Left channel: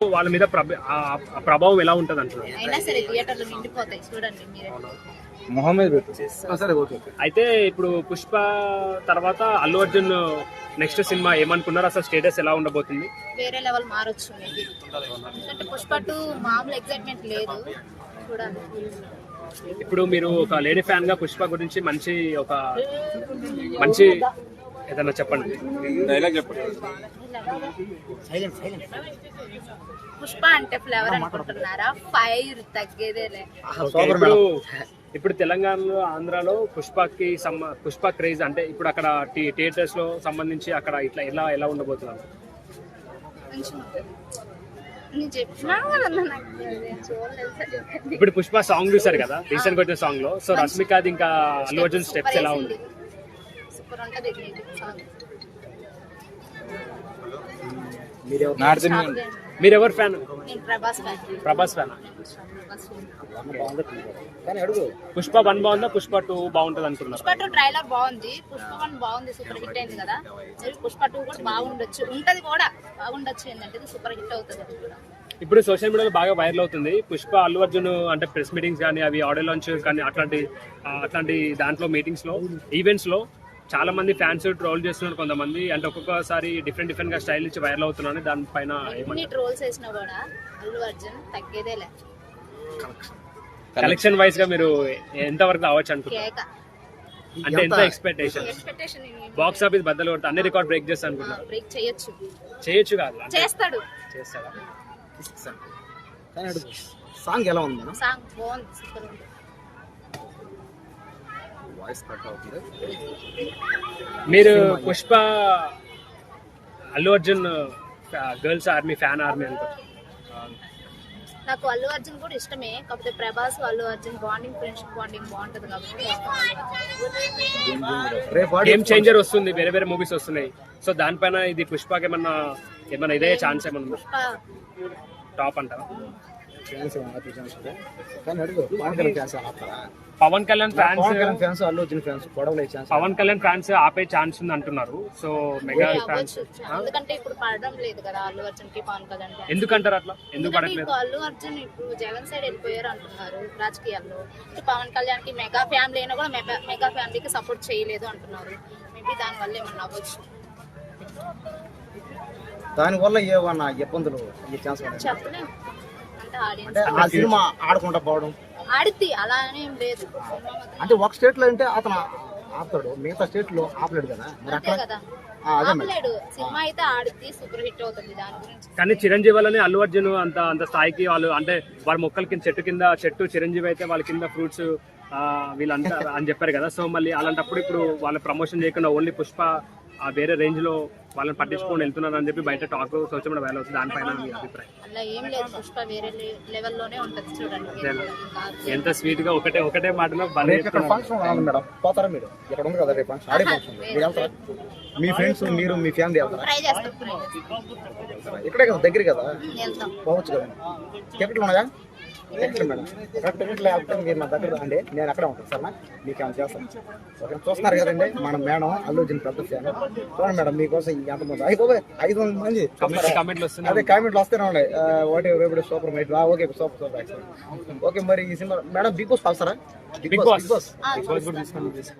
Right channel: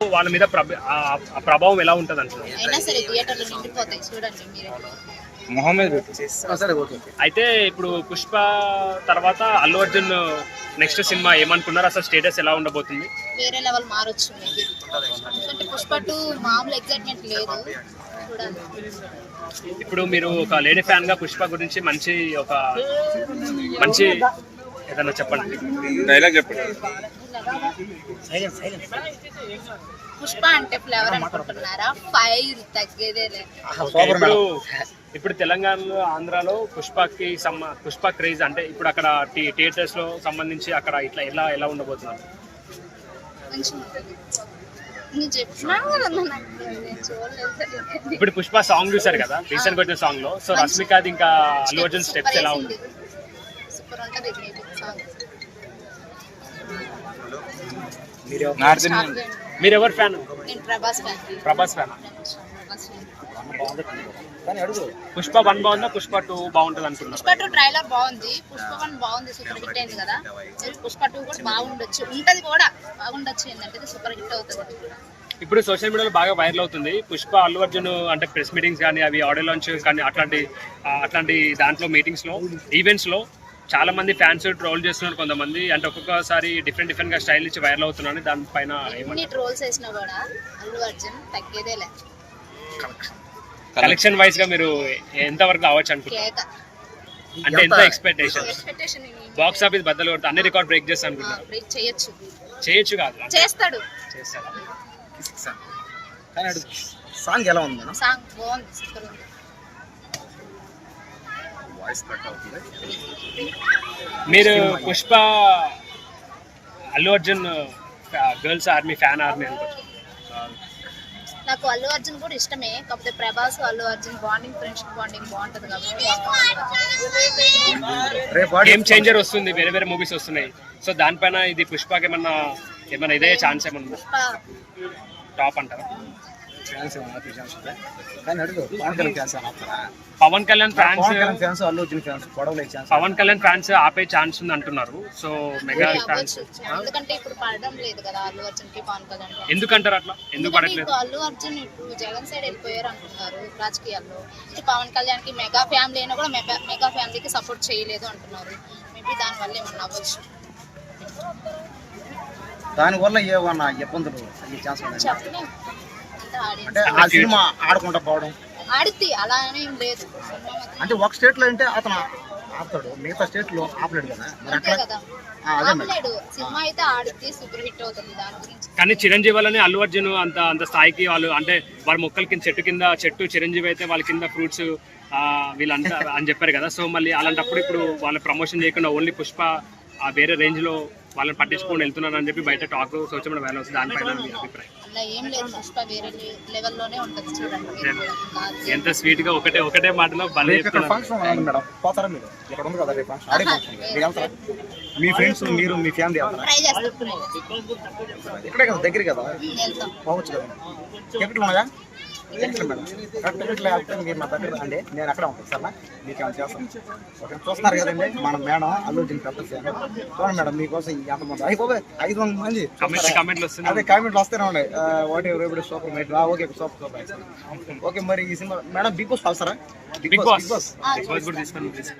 వాళ్ళ మీద ప్రభావం ఎలా ఉంటుంది అంటున్నారు. అయినా సరే థియేటర్లు నిండిపోతాయి చూడండి మీరే. అయితే ఇప్పుడు పుష్ప తర్వాత అల్లు అర్జున్ నెక్స్ట్ సినిమా ఏమనుకున్నారు, అసలు స్టేటస్ ఎలా ఉండబోతుంది? వేరే లెవెల్ మారొచ్చు మేబీ. ఎందుకంటే పుష్ప 2 మామూలు ఎగ్జైట్మెంట్ లేదు, చూడాలి. ఇప్పుడు మీరు ఒక లేడీ ఫ్యాన్ గా పుష్ప గురించి మంచి ఏదన్నా చెప్పండి, డైలాగ్ చెప్పండి. పుష్ప అంటే ఫ్లేవర్ అనుకుంటున్నారా? ఫైర్ తగ్గేదేలే. ఇప్పుడు తెలంగాణలో ఆంధ్రాలో పుష్ప క్రేజ్ అంటే ఇప్పుడు అక్కడ థియేటర్స్ లో సంబంధించి అక్కడ ఇట్లా ఎలా ఉండబోతున్నారు? ఇప్పుడు పుష్ప సాంగ్ చూసారు కదా, రీసెంట్ గా వచ్చిన సాంగ్ లో. సో రష్మిక ఇంకా అల్లు అర్జున్ స్టెప్స్ ఎలా ఉంది? సూపర్ ఉంటది సాంగ్. మీరు ఎవరు ఫ్యాన్? నేను ప్రభాస్ ఫ్యాన్. పుష్ప 1 బాగుందా, పుష్ప 2 బాగుంటది అంటున్నారు? పుష్ప 2 ట్రైలర్ బాగుంది, పుష్ప 1 బాగుంది, సూపర్ హిట్ అయింది కదా. పుష్ప 2 కూడా బాగుండొచ్చు, ఉంటది కూడా బాగుండొచ్చు. ఏంటంటే సూపర్ హిట్ అవుతుంది. ఇప్పుడు సోషల్ మీడియాలో బాగా వైరల్ అవుతుంది పుష్ప అల్లు అర్జున్ అంటే ప్రెస్ మీటింగ్స్ కానీ అవి ఆడియో లాంచ్ కానీ అట్లాంటి దాంట్లో మీటింగ్స్ లో ఈవెంట్స్ లో చాలా మంది ఫ్యాన్స్ ట్రోల్ చేస్తున్నారు. కొంతమంది అంటే ఒక్కొక్కసారి డిఫరెంట్ గా స్టైల్ ఇచ్చి వైరల్ అవుతున్నారు. దానిపైన ఎన్ని ట్రోల్స్ చేసినా కూడా అల్లు అర్జున్ తగ్గేదేలే. కలెక్షన్ వైజ్ గా మీరు ఎంత వరకు రావచ్చు అనుకుంటున్నారు? అంటే ఎంత ఎక్స్పెక్టేషన్? బాక్స్ ఆఫీస్ బద్దలు కొడితే అన్ని రికార్డ్ బ్రేక్ చేస్తా అనుకుంటున్నారు? బ్రేక్ చేయొచ్చు కాదు, చేస్తాడా? సాంగ్ ఎలా ఉంది? సాంగ్ బాగుంది, సూపర్ ఉంది. మీరు Pushpa Allu Arjun girls army fan అనుకుంటున్నారు? నాకు అల్లు అర్జున్ కూడా ఇష్టమే, కాకపోతే Prabhas Allu Arjun bonding, friendship bonding బాగుంటది కాబట్టి గేమ్ చేంజర్ వస్తుంది, వేరే మూవీస్ వస్తున్నాయి. సో దానిపైన ఇది పుష్పకి ఏమన్నా ఇదే ఛాన్స్ ఏమన్నా టాప్ అంటారా? పవన్ కళ్యాణ్ ఫ్యాన్స్ పవన్ కళ్యాణ్ ఫ్యాన్స్ ఆపే ఛాన్స్ ఉంది అంటున్నారు. సో మెగా ఫ్యాన్స్ ఎందుకంటే ఇప్పుడు పడడం లేదు కదా అల్లు అర్జున్ కి పవన్ కళ్యాణ్. ఎందుకంటారు అట్లా? ఎందుకు పడట్లేదు? అల్లు అర్జున్ ఇప్పుడు జగన్ సైడ్ వెళ్ళిపోయారు అంటున్నారు రాజకీయాల్లో. పవన్ కళ్యాణ్ కి మెగా ఫ్యామిలీ అయినా కూడా మెగా ఫ్యామిలీకి సపోర్ట్ చేయలేదు అంటున్నారు. మేబీ దాని వల్ల ఏమన్నా అవ్వచ్చు. దానివల్ల ఏమన్నా ఇబ్బందులు చెప్పలేము. అంటే ఆ సినిమా ఆడకుండా పోవడం ఆడితే అలా ఏం లేదు. అంటే ఒక స్టేట్ లో అంటే అతను ఆడతాడు, మిగతా స్టేట్ లో ఆపలేడు కదా. ఆపలేడు. సినిమా అయితే ఆడితే సూపర్ హిట్ అవుతుంది. దాని గురించి కానీ చిరంజీవి వల్లనే అల్లు అర్జున్ అంత స్థాయికి వాళ్ళు అంటే వారి మొక్కల కింద చెట్టు చిరంజీవి అయితే వాళ్ళ కింద ఫ్రూట్స్ వీళ్ళంతా అని చెప్పారు కదా. సో మళ్ళీ అలాంటప్పుడు ఇప్పుడు వాళ్ళ ప్రమోషన్ చేయకుండా ఓన్లీ పుష్ప వేరే రేంజ్ లో వాళ్ళని పట్టించుకొని వెళ్తున్నారు అని చెప్పి బయట టాక్ సోషల్ మీడియా వైరల్ అవుతుంది. దానిపైన మీ అభిప్రాయం? అలా ఏం లేదు, పుష్ప వేరే లెవెల్లోనే ఉంటుంది చూడండి. ఎంత స్వీట్ గా ఒకటే మాటలో పోతారా మీరు? ఇక్కడ ఉంది కదా రేపు మీ ఫ్రెండ్స్ మీరు మీ ఫ్యామిలీ ఇక్కడే కదా, దగ్గర కదా, పోవచ్చు కదా. టికెట్లు ఉన్నాయా? టికెట్లు మేడం, టికెట్లు వెళ్తే మీరు నా దగ్గర రండి, నేను అక్కడే ఉంటాను సార్. మీకు ఏమైనా చేస్తాను. ఓకే, చూస్తున్నారు కదండి మన మేడం అల్లు అర్జున్ పెద్ద ఫ్యాన్. చూడండి మేడం, మీకోసం ఎంతమంది 500 మంది అదే కామెంట్లు వస్తూనే ఉన్నాయి. ఒకటి రేపు సూపర్ మైట్. Okay super. ఓకే మరి ఈ సినిమా మేడం బిగ్ బాస్ వస్తారా? Bigg boss